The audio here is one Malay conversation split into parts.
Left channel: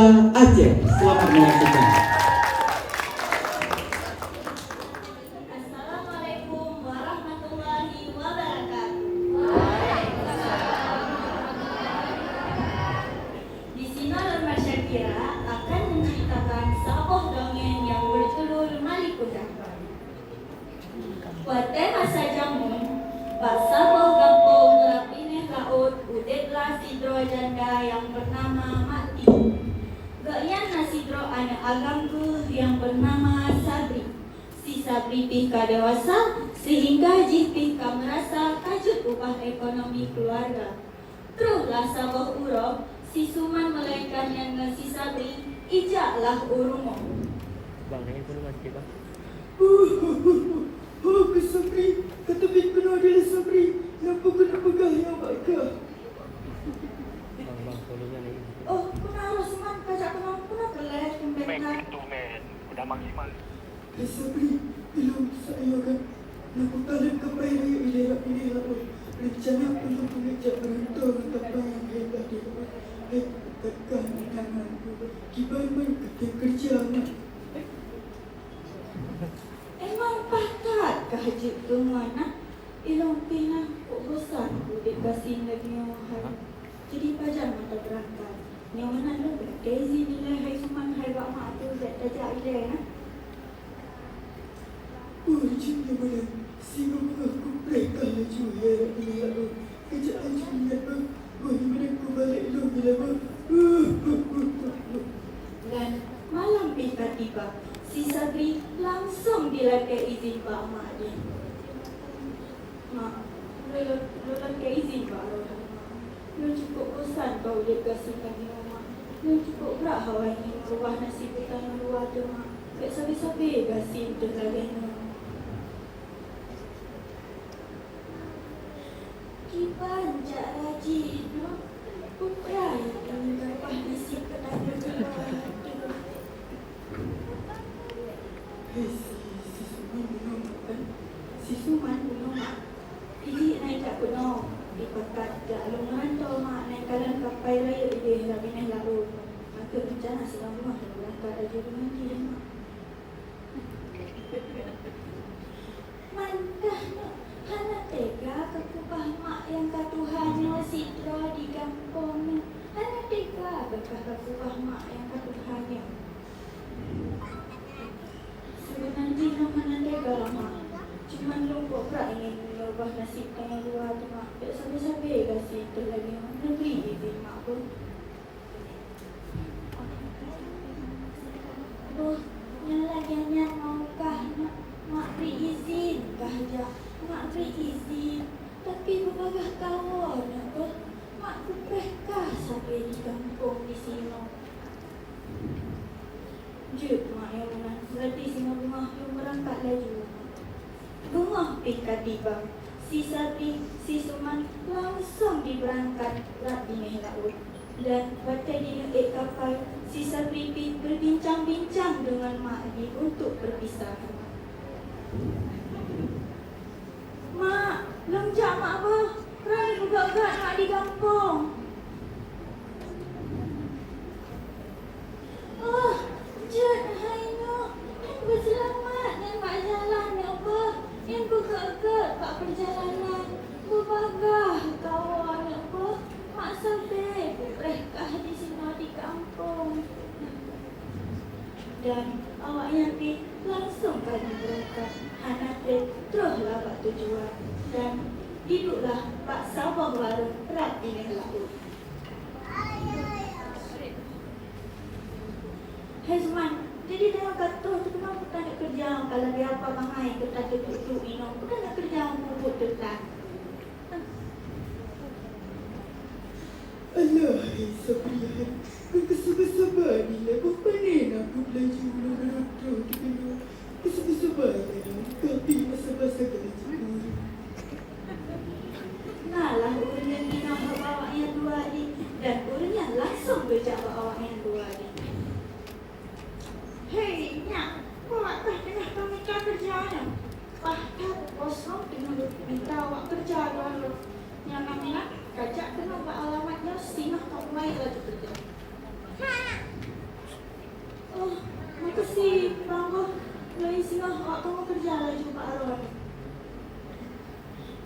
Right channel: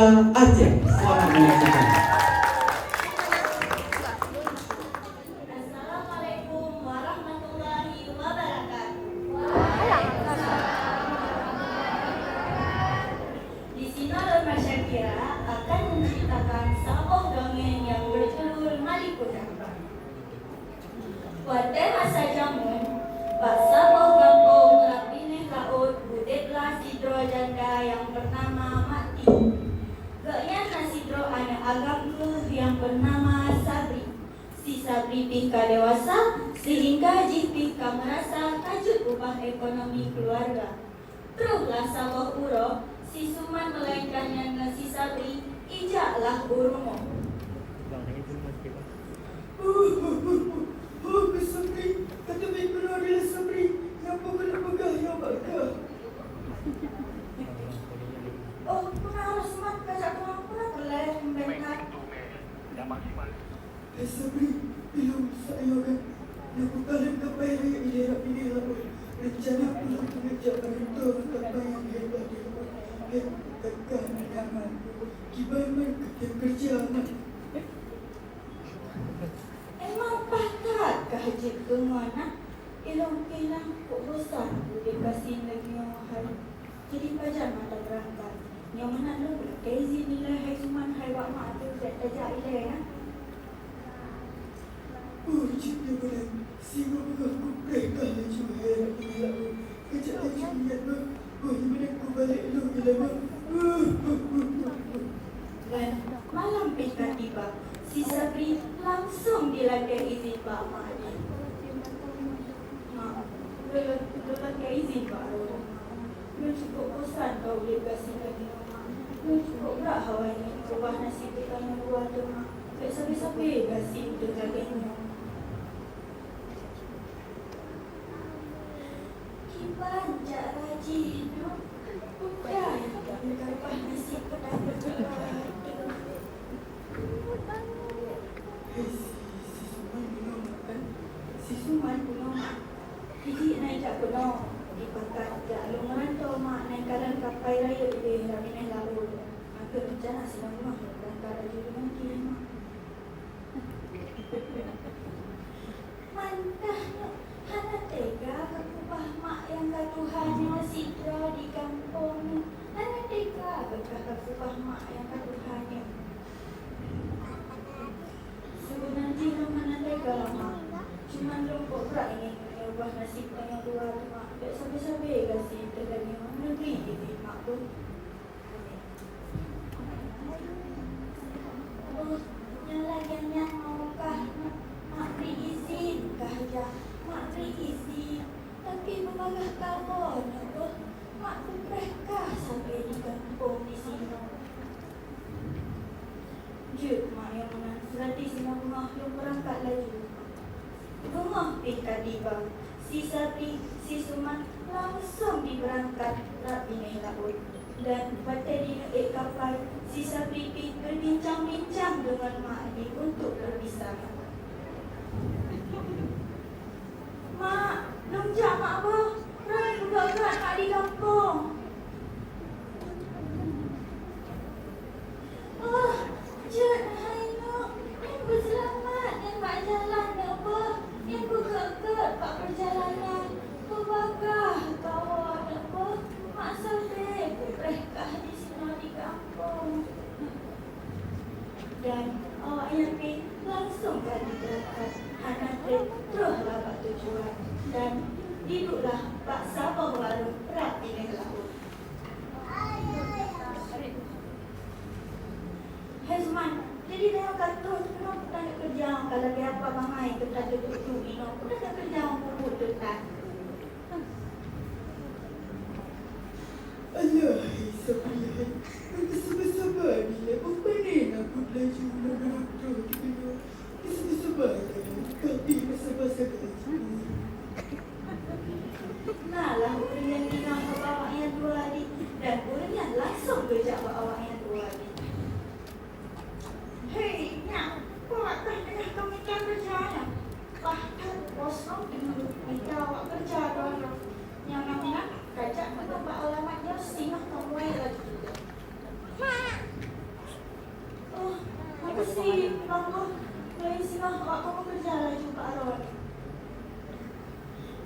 Aceh. Selamat menyaksikan. Assalamualaikum warahmatullahi wabarakatuh. Di sini Norma Syakira akan menceritakan sebuah dongeng yang berjudul Malikuda. Pada masa jamun, bangsa Gampong lapineh laut budetlah sidro janda yang bernama Mati. Gaknya nasidro anak agamku yang bernama Sabri. Si Sabri pika dewasa sehingga jipika merasa kajut upah ekonomi keluarga. Teruslah sawah uro, si Suman melainkannya dengan si Sabri, ijaklah urumo. Sabri, kata Bikra adalah Sabri yang pegah-pegah yang bakar. Oh, kenapa Suman kajak kemampuan gelar pembentar? Sabri, bilang saya kan aku tarik kapai raya ini lalu rencana untuk mengejak mentor kapai yang tadi. Tekan tangan, gimana kerja kerja nak? Emang pakat kehajit tu mana? Elong pinang urusan dikasih lagi orang. Jadi pajar mana berangkat? Ni mana lu? Izin nilai hai Suman hai bawa mak tu jajak ile ya. Oh, cinta boleh. Si bapa aku mereka juga yang lalu. Kejap aja ingat bah. Oh, mereka balik lu bila bah. Dan malam tiba-tiba si Sabri langsung dilakai izin Pak Mak dia. Mak, dilakai izin Pak. Lu cukup bosan kau dia kasih lagi Mak. Lu cukup berat hawa ni buah nasi kita yang buat tu Mak. Sampai-sampai kasih tu tadi Mak. Kipan jak rajin, putra yang buah nasi penada berada. Si Suman memang jadi naik tak belum di kota tak lumayan tu mak naik kalan kapai raya dia dah naik lalu maka kita nak selama kata ada di mandi mantah hana tega kekubah mak yang katuhannya masih jauh di kampung hana tega kekubah mak yang katuhannya sebenarnya mana tega mak cuma lupa pula ingin berubah nasib yang luar tu mak. Tak sampai-sampai kasih tu lagi negeri dia mak tu. Aduh, yang lagiannya maukah mak beri izin kah je? Mak beri izin. Tapi bukankah kawannya tu? Mak berkah sampai di kampung di sini. Jut mak yang mana? Berarti semua rumah belum berangkat lagi. Rumah tiba-tiba si Sabri, si Suman langsung diberangkat rapi laut. Dan pada di detik kapal, si Sabri berbincang-bincang dengan mak dia untuk berpisah. Mak, loncat mak apa? Rani budak-budak mak di kampung. Oh, Jut, hai si Bangku boleh singgah aku kerja lah juga Aron.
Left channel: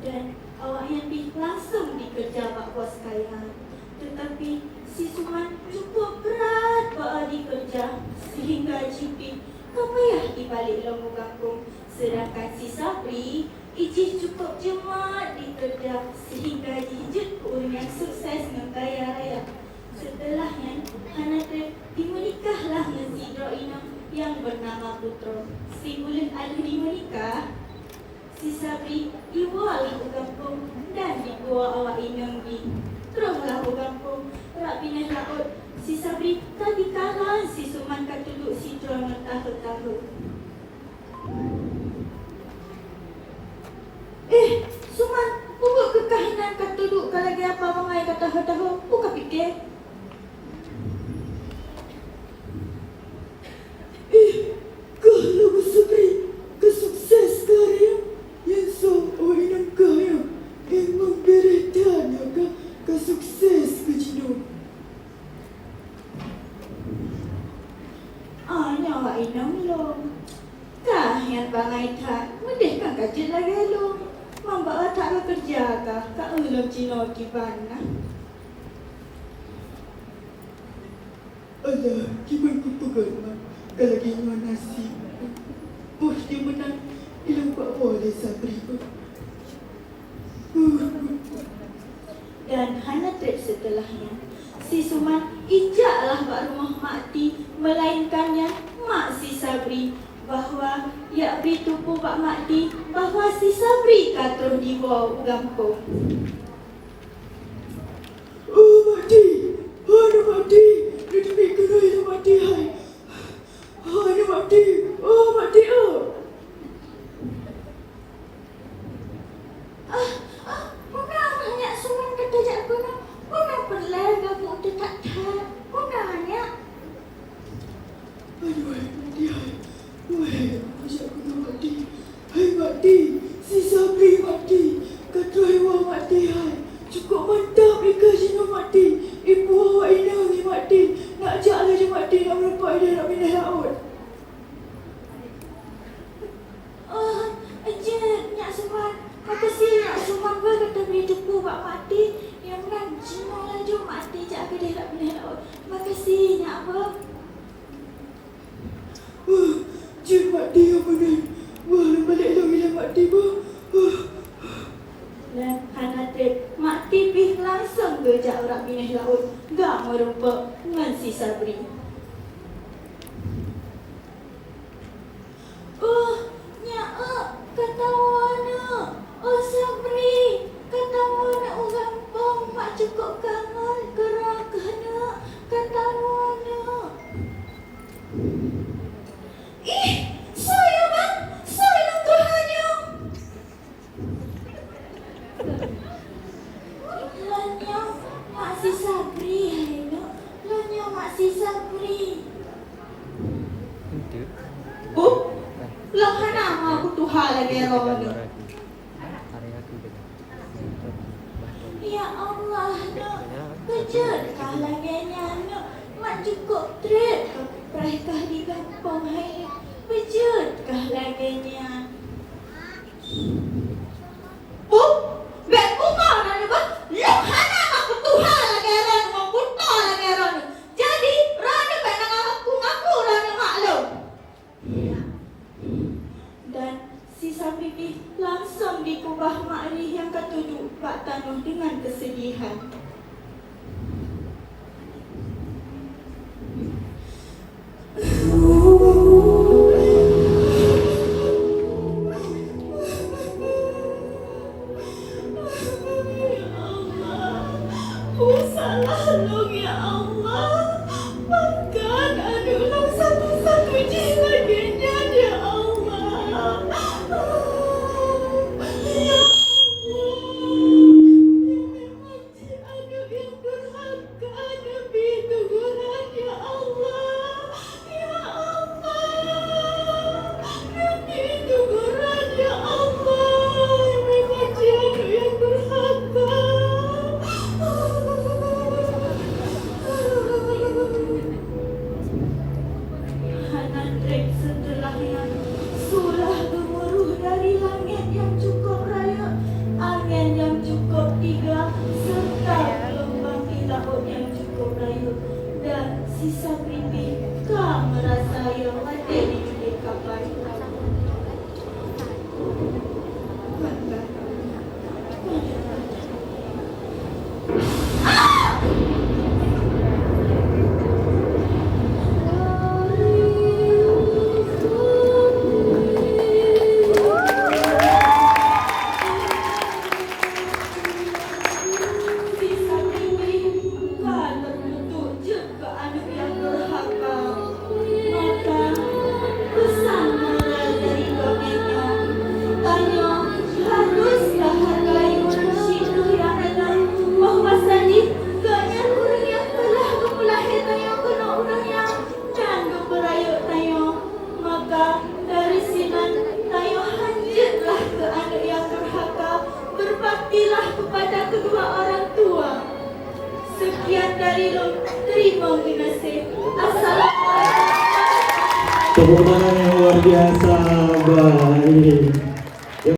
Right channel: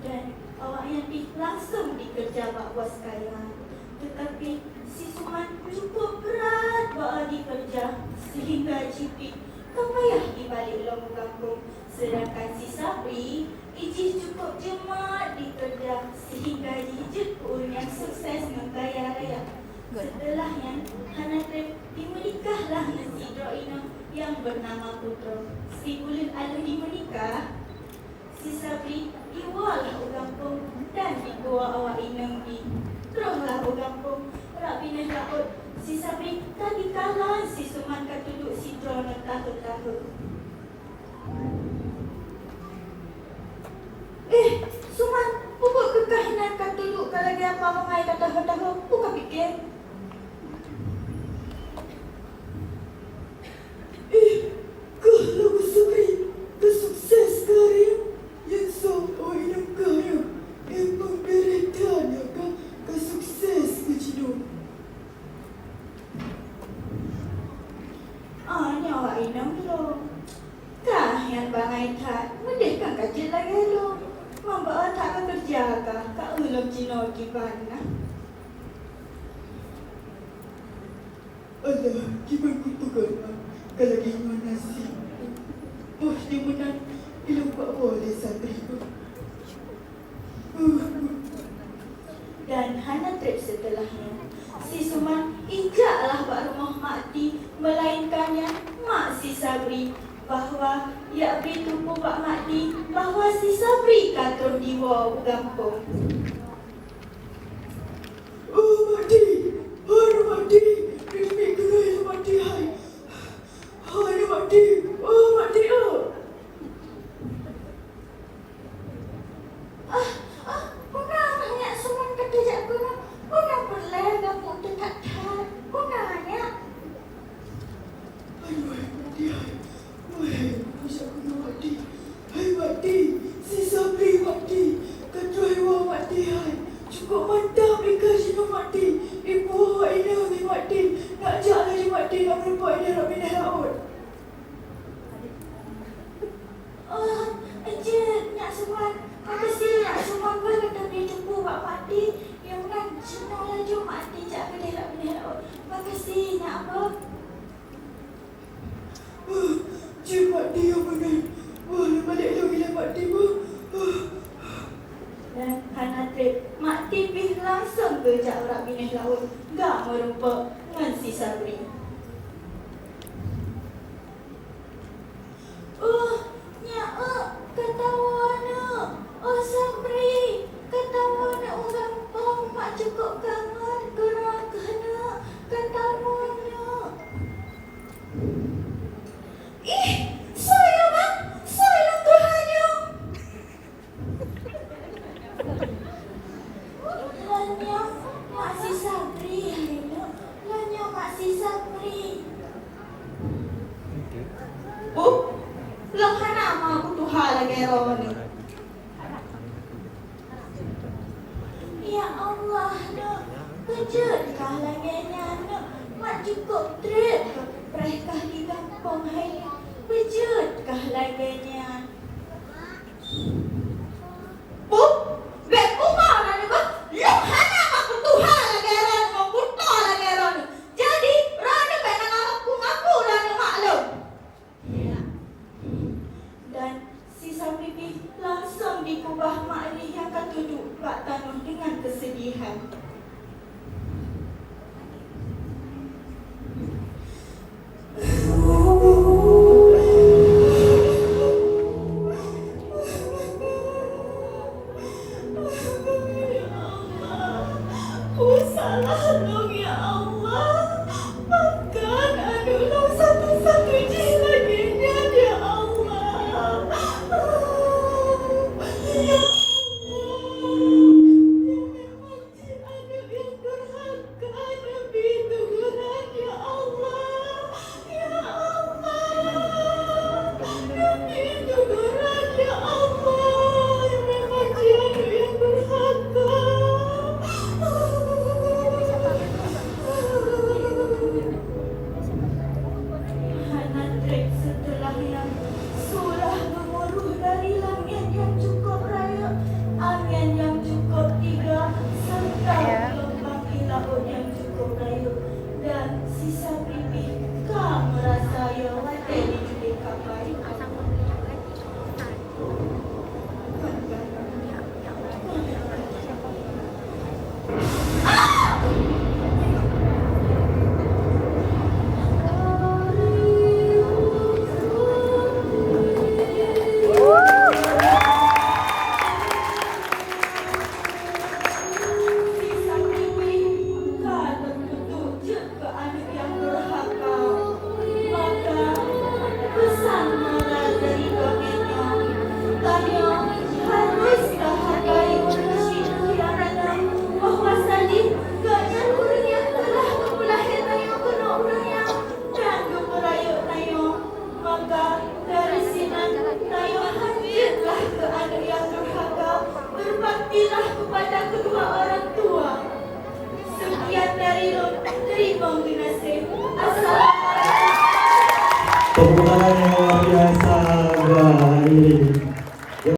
Dan awak yang langsung dikerja Pak Bos sekalian. Tetapi si Suman cukup berat bawa dikerja sehingga Cipi tak payah dibalik lomba kampung. Sedangkan si Sabri ijih cukup cemat dikerja sehingga dijejut yang sukses mengkaya raya. Setelahnya, Hanatrip dimenikahlah dengan si Droina yang bernama Putro. Si bulan ada dimenikah, si Sabri dibawa ke kampung dan dibawa awak inang di. Teruslah ke kampung, rak pindah laut. Si Sabri kan nikahlah si Suman kan duduk si Droina tahun-tahun. Suman, buat kekahinan kan duduk kalau dia apa mengai kata tahun-tahun, bukan fikir. Kalau Sabri kesukses sekali yang sampai nak kaya yang pemberetannya kesukses ke Cino. Nyawa inang belum. Dah yang bangai tak, mendek kan kerja lagi belum. Membawa tak kerja kah? Kak ulang Cino gimana? Alah, gimana ku pegang kalau gimana sih? Oh, di mana dilupa oleh Sabri. Dan Hanatrip setelahnya, si Suman injaklah Pak Rumah Mak Ti, melainkannya Mak si Sabri, bahawa ya berituku Pak Mak Ti bahawa si Sabri kata dibawa ke kampung. Oh, Mati! Hai, Mati! Ini mikirnya Mati, hai! Hai, Mati! Oh, Mati, oh! Bukan banyak Suman kata jak gunung, bukan perlah gabung dekat tak, bukan banyak. Aduh, Mati, hai! Wah, macam mana Mati? Hai, Mati! Si Sabri Mati! Kata Iwa Mati, hai! Cukup mantap ikan sini Mati! Ibu awak ini ni Mati! Nak ajak lagi Mati nak melempak dia nak pindah laut! Nyak Suman, makasih Nyak Suman kalau kami jumpa Pak Mati yang kan semua laju Mati jak pilih laut. Makasih Nyak Abang. Cik Mati yang benar! Wah, balik lagi lah Mati pun! Dan Hanatrip, Mak Tipih langsung kerja rak pindah laut. Gak merupa dengan si Sabri. Nyak kata mana? Sabri, kata mana ulang Mak cukup kangen kerana kata mana? Saya bang, saya kerana. Lanya Mak si Sabri, lanya Mak si Sabri. Lang hana aku Tuhan lagi orang ni. Ya Allah, kejarkah lagi nyana. Mak cukup trip. Mereka di kampung hai. Kejarkah lagi nyana. Bet bunga na juga. Lang hana aku Tuhan lagi orang. Buta lagi orang. Jadi, rada kan ngaku lah ni maklum. Dan si Sabri langsung dikubah Mak ni yang kata duduk Pak Tanuh dengan kesedihan. Sisa pipi, kamu rasa yang hati di kapai. Sisa pipi, kamu tertuju ke anak yang durhaka. Maka pesanlah dari dongengnya, tanya harus menghargai situ yang ada. Bahwa sadis gaknya kurangnya telah melahirkan yang kena orangnya dan kemerayuk tayo. Maka dari sini tayo hancurlah ke anak yang durhaka. Berbaktilah kepada kedua orang tua. Sekian dari Rum, terima kasih. Assalamualaikum. Tepuk tangan yang luar biasa